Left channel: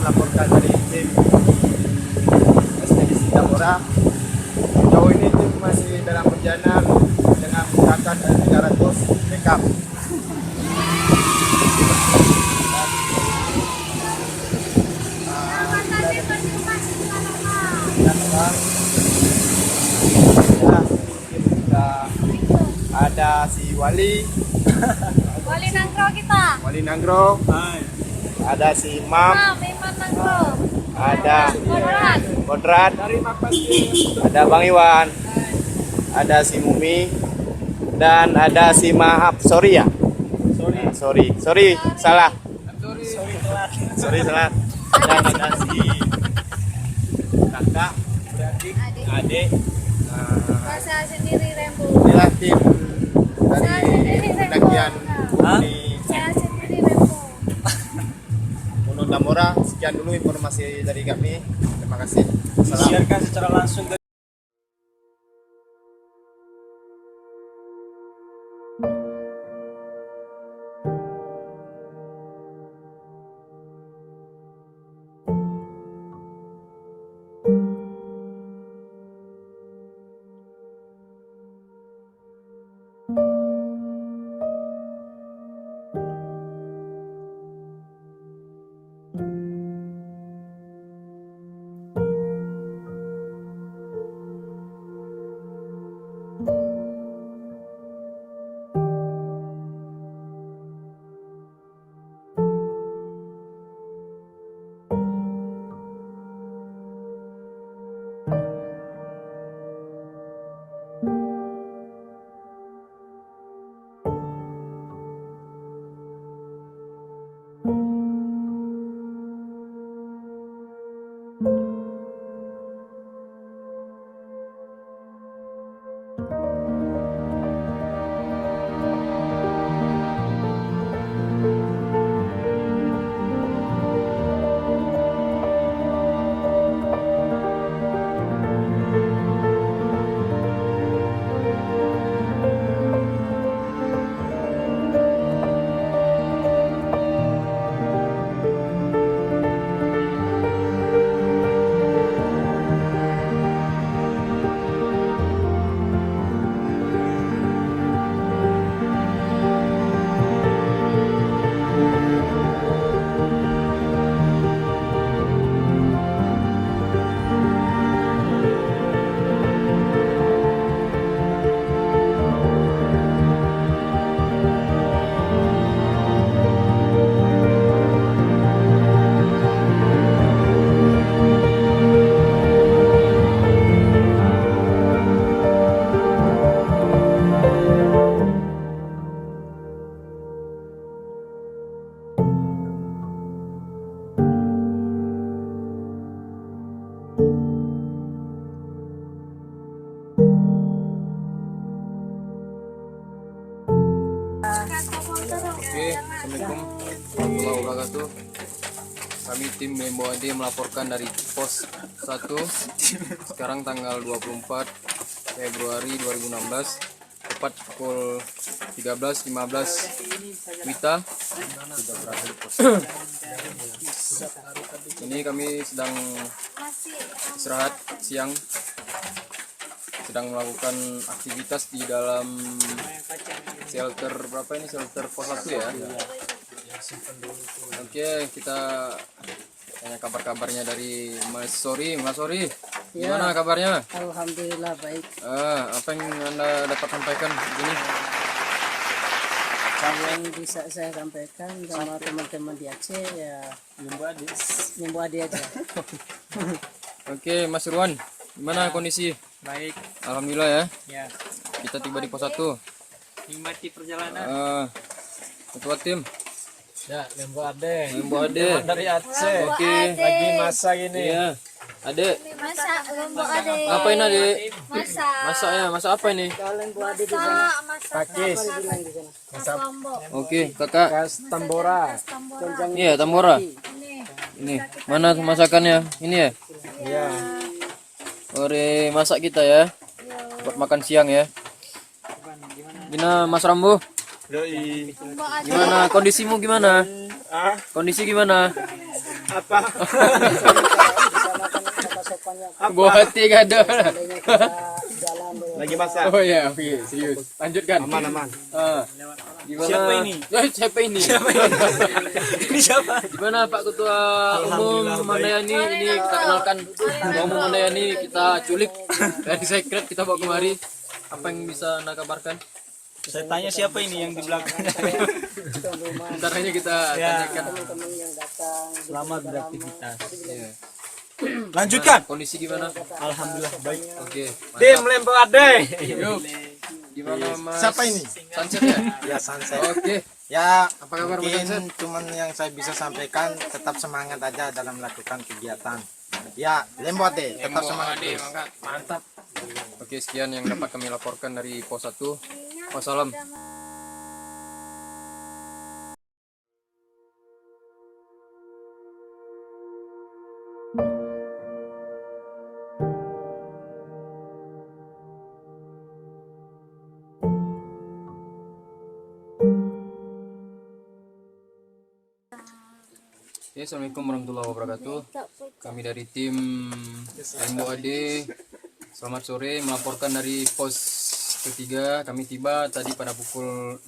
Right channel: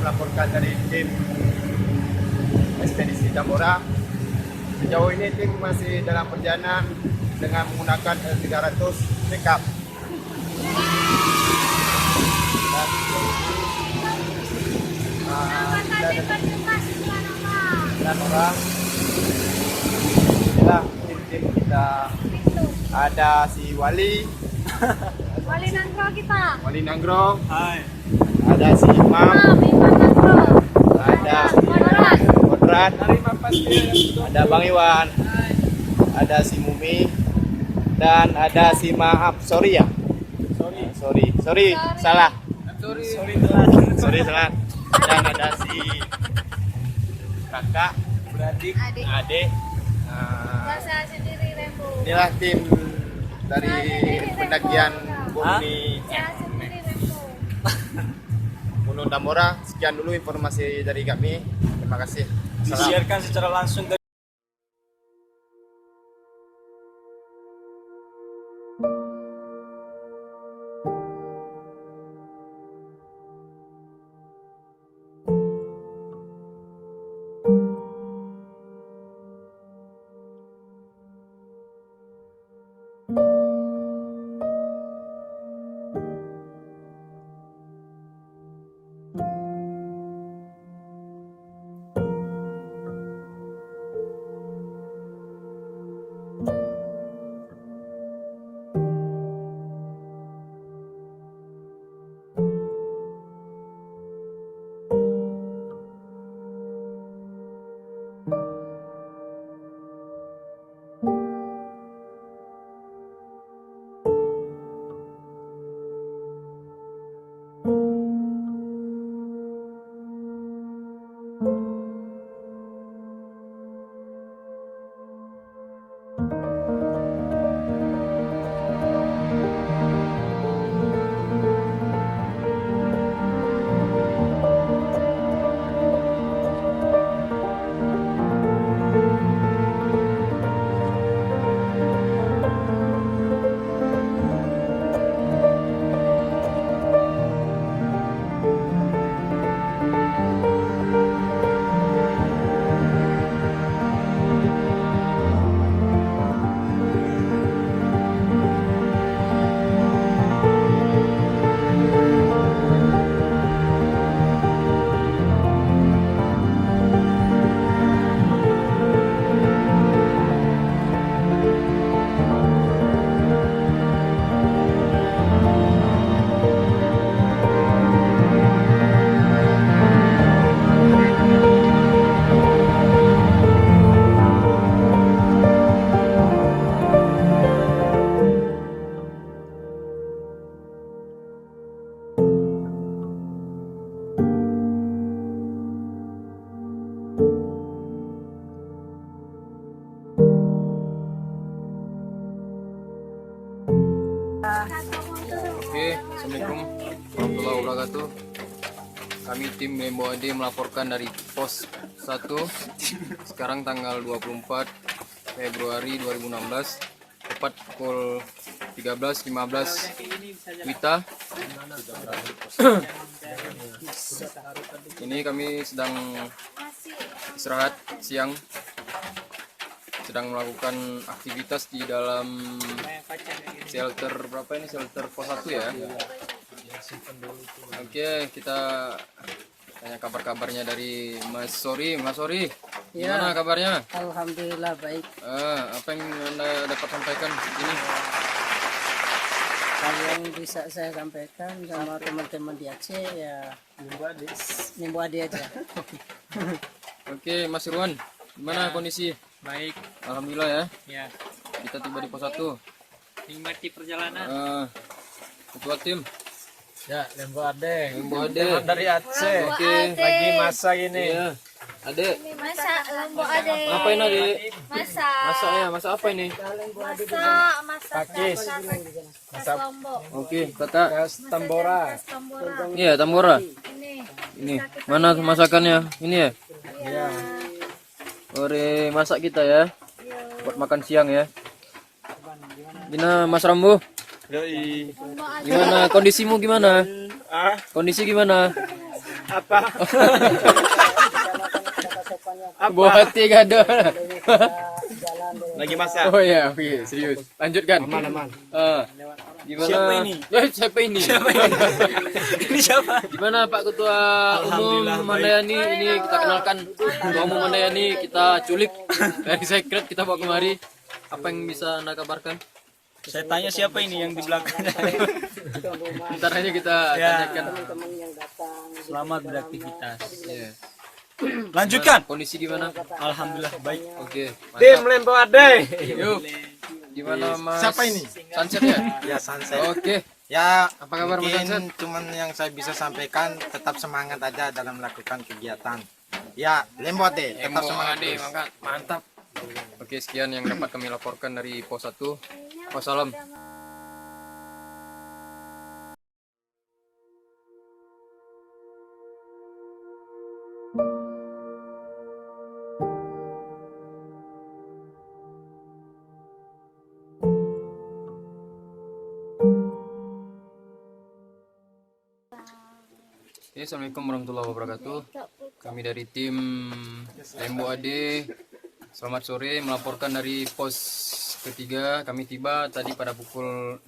melaporkan dari tim ekspedisi Tambora. Sejauh ini tim masih dalam perjalanan dengan menggunakan L300 backup. Tim kita ada si Wali Nangro kita. Wali Nanggro, Hai. ada si Imam, ada Modrat, ada Bang Iwan, ada si Mumi, dan ada si sorry ya, sorry salah, sorry salah, dan ada si kakak, adik. Bahasa sendiri Rembo. Inilah tim dari pendakian Gunung Bahasa sendiri Rembo. Gunung Tambora. Sekian dulu informasi dari kami. Terima kasih. Salam. Disiarkan secara langsung dari Assalamualaikum warahmatullahi wabarakatuh. Kami tim Lembo AD melaporkan dari pos 1. Sekarang tanggal 24 Februari 2016, tepat pukul 13.15 WITA. Ini kami sedang istirahat siang, sedang melakukan aktivitas di dalam shelter berapa ini, shelter pos 1 ya. Oke, kita tanya kabar-kabarnya dari Mas Sori. Gimana kabarnya? Alhamdulillah baik. Apa yang Anda dapat sampaikan ini? Yang bisa saya sampaikan sama teman-teman di Aceh ya Nimbu Ade aja. Oke, Mas Ruan, gimana kondisi? baik Alhamdulillah ya. ya. Kita tiba di pos 1. Nikmati perjalanan. Ketua tim Ya, Lembo Ade. Lembo Ade Dari Aceh. Oke. Lagi masak ini. Iya. Ade, Masak Rembo Ade. apa ini Ade? Masak. Masak ya, masak apa ini? Masak Pakis. Masak Lombok. Oke, kakak. Khas Tambora. Tambora. Iya, Tambora. Ini. Ini, mana masakannya? Ini ya? Ya. Ore masak kita ya. Buat makan siang ya. Gimana Mas Rambo? Yoi. Gimana kondisimu gimana? Kondisi gimana? Apa? Sopannya Buah hati gado. jalan deh. Lagi masak. Oh ya, oke, serius. Lanjutkan. Aman. Gimana? Siapa ini? Siapa ini? Ini siapa? Gimana Pak Ketua Umum Mandayani? Ini kita kenalkan Ketua Umum Mandayani, kita culik dari sekret, kita bawa kemari. Apa yang bisa Anda kabarkan? Saya tanya siapa ini yang di belakang. Bentar aja kita tanyakan. Teman yang datang. Selamat beraktivitas. Iya. Lanjutkan. Kondisi gimana? Alhamdulillah baik. Oke. Tim Lembo Ade. Yuk. Gimana Mas? Siapa ini? Sunset ya? Ya Sunset. Oke. Ya Apa kabar Mas mungkin Sunset? cuman yang saya bisa sampaikan tetap semangat aja dalam melakukan kegiatan. Ya Lembo deh, tetap semangat terus. Mantap. Oke, sekian yang dapat kami laporkan dari Pos 1. Wassalam. Oke, assalamualaikum warahmatullahi wabarakatuh. Kami dari tim Lembo AD, selamat sore, melaporkan dari pos ketiga. Kami tiba tadi pada pukul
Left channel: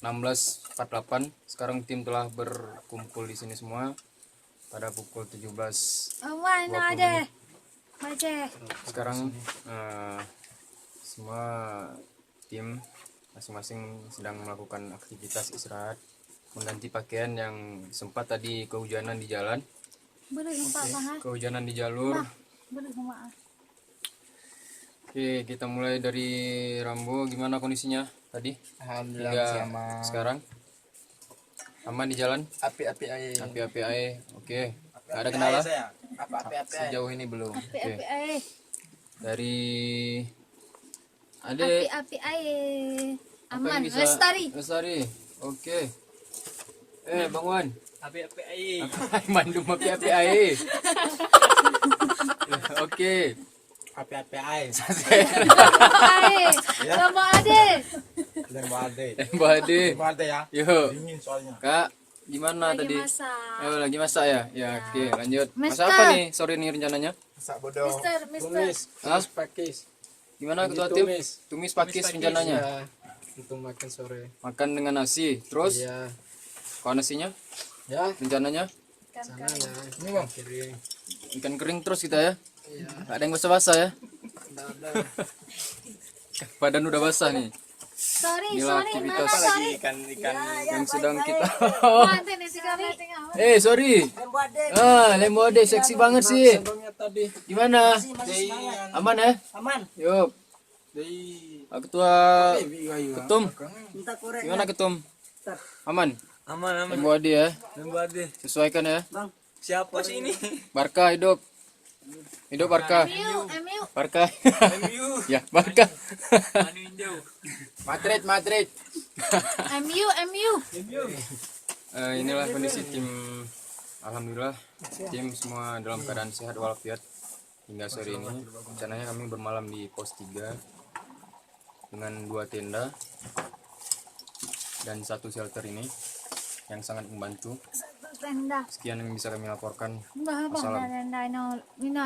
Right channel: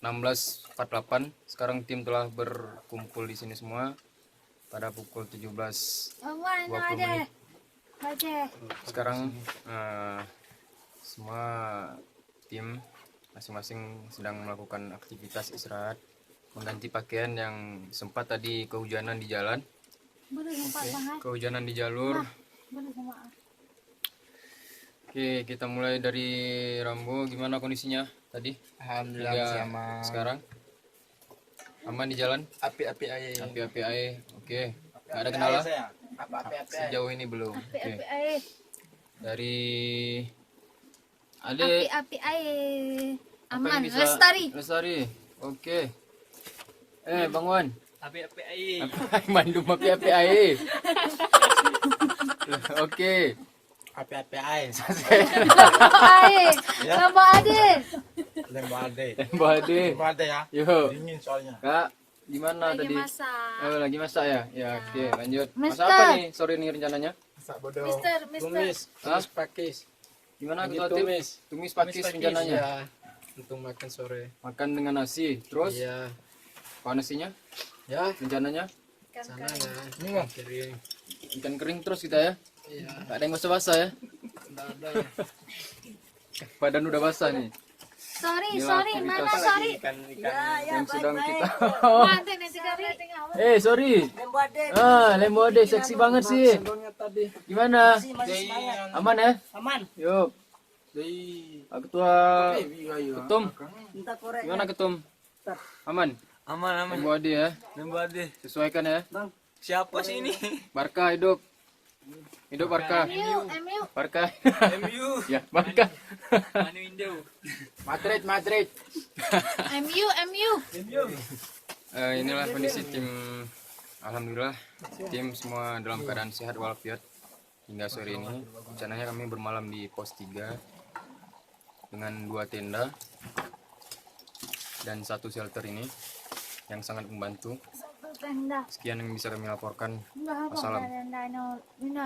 16.48. Sekarang tim telah berkumpul di sini semua pada pukul 17.20 menit. Sekarang semua tim masing-masing sedang melakukan aktivitas istirahat, mengganti pakaian yang sempat tadi kehujanan di jalan. Kehujanan di jalur. Oke, kita mulai dari Rambo. Gimana kondisinya tadi? Alhamdulillah Hingga masih aman. sekarang aman di jalan? Api-api aja. Api-api aja. Oke. Gak ada kendala? Apa-api Sejauh ini belum. Oke. Api Dari ada api apa aman. yang bisa- Lestari. Lestari. Oke. Bang Wan. Api-api air. Mandum api-api aja. Oke. Api-api aja. Lembo Ade. Lembo Ade. Mbak Ade. Lembo Ade ya. Yuk. Dingin soalnya. Kak, gimana Lagi tadi? masak. Oh, lagi masak ya? Ya, oke, lanjut. Mister. Masak apa nih sore ini rencananya? Masak bodoh. Mister. Hah? Pakis. Gimana Lagi ketua tim? tumis. Tumis pakis rencananya. Ya, untuk makan sore. Makan dengan nasi. Terus Iya. kalau nasinya Ya, rencananya sana nah. Kering. ikan kering terus kita ya. Iya. Gak ada yang basah-basah ya. Enggak ada. Badan udah basah nih. Sorry, Inilah sorry, aktivitas Nana, sorry. yang sedang kita. Nanti sekali. Sorry. Lembo Ade seksi banget sih. Sendoknya tadi. Gimana? Aman ya? Aman. Yuk. Dari Pak Ketua Ketum. Minta korek. Gimana Ketum? Aman? Aman. Lembo Ade ya. Lembu ade. Sesuaikan ya. Siapa sih ini? Barca hidup. Hidup Barca. MU. Barca. MU. Ya, Barca. Anu Indo. Madrid. MU. Inilah kondisi tim. Alhamdulillah tim semua dalam keadaan sehat walafiat hingga sore ini. Rencananya kami bermalam di pos 3 dengan 2 tenda dan 1 shelter ini yang sangat membantu. Tenda. Sekian yang bisa kami laporkan. Enggak apa. Wassalam. Tenda. Mina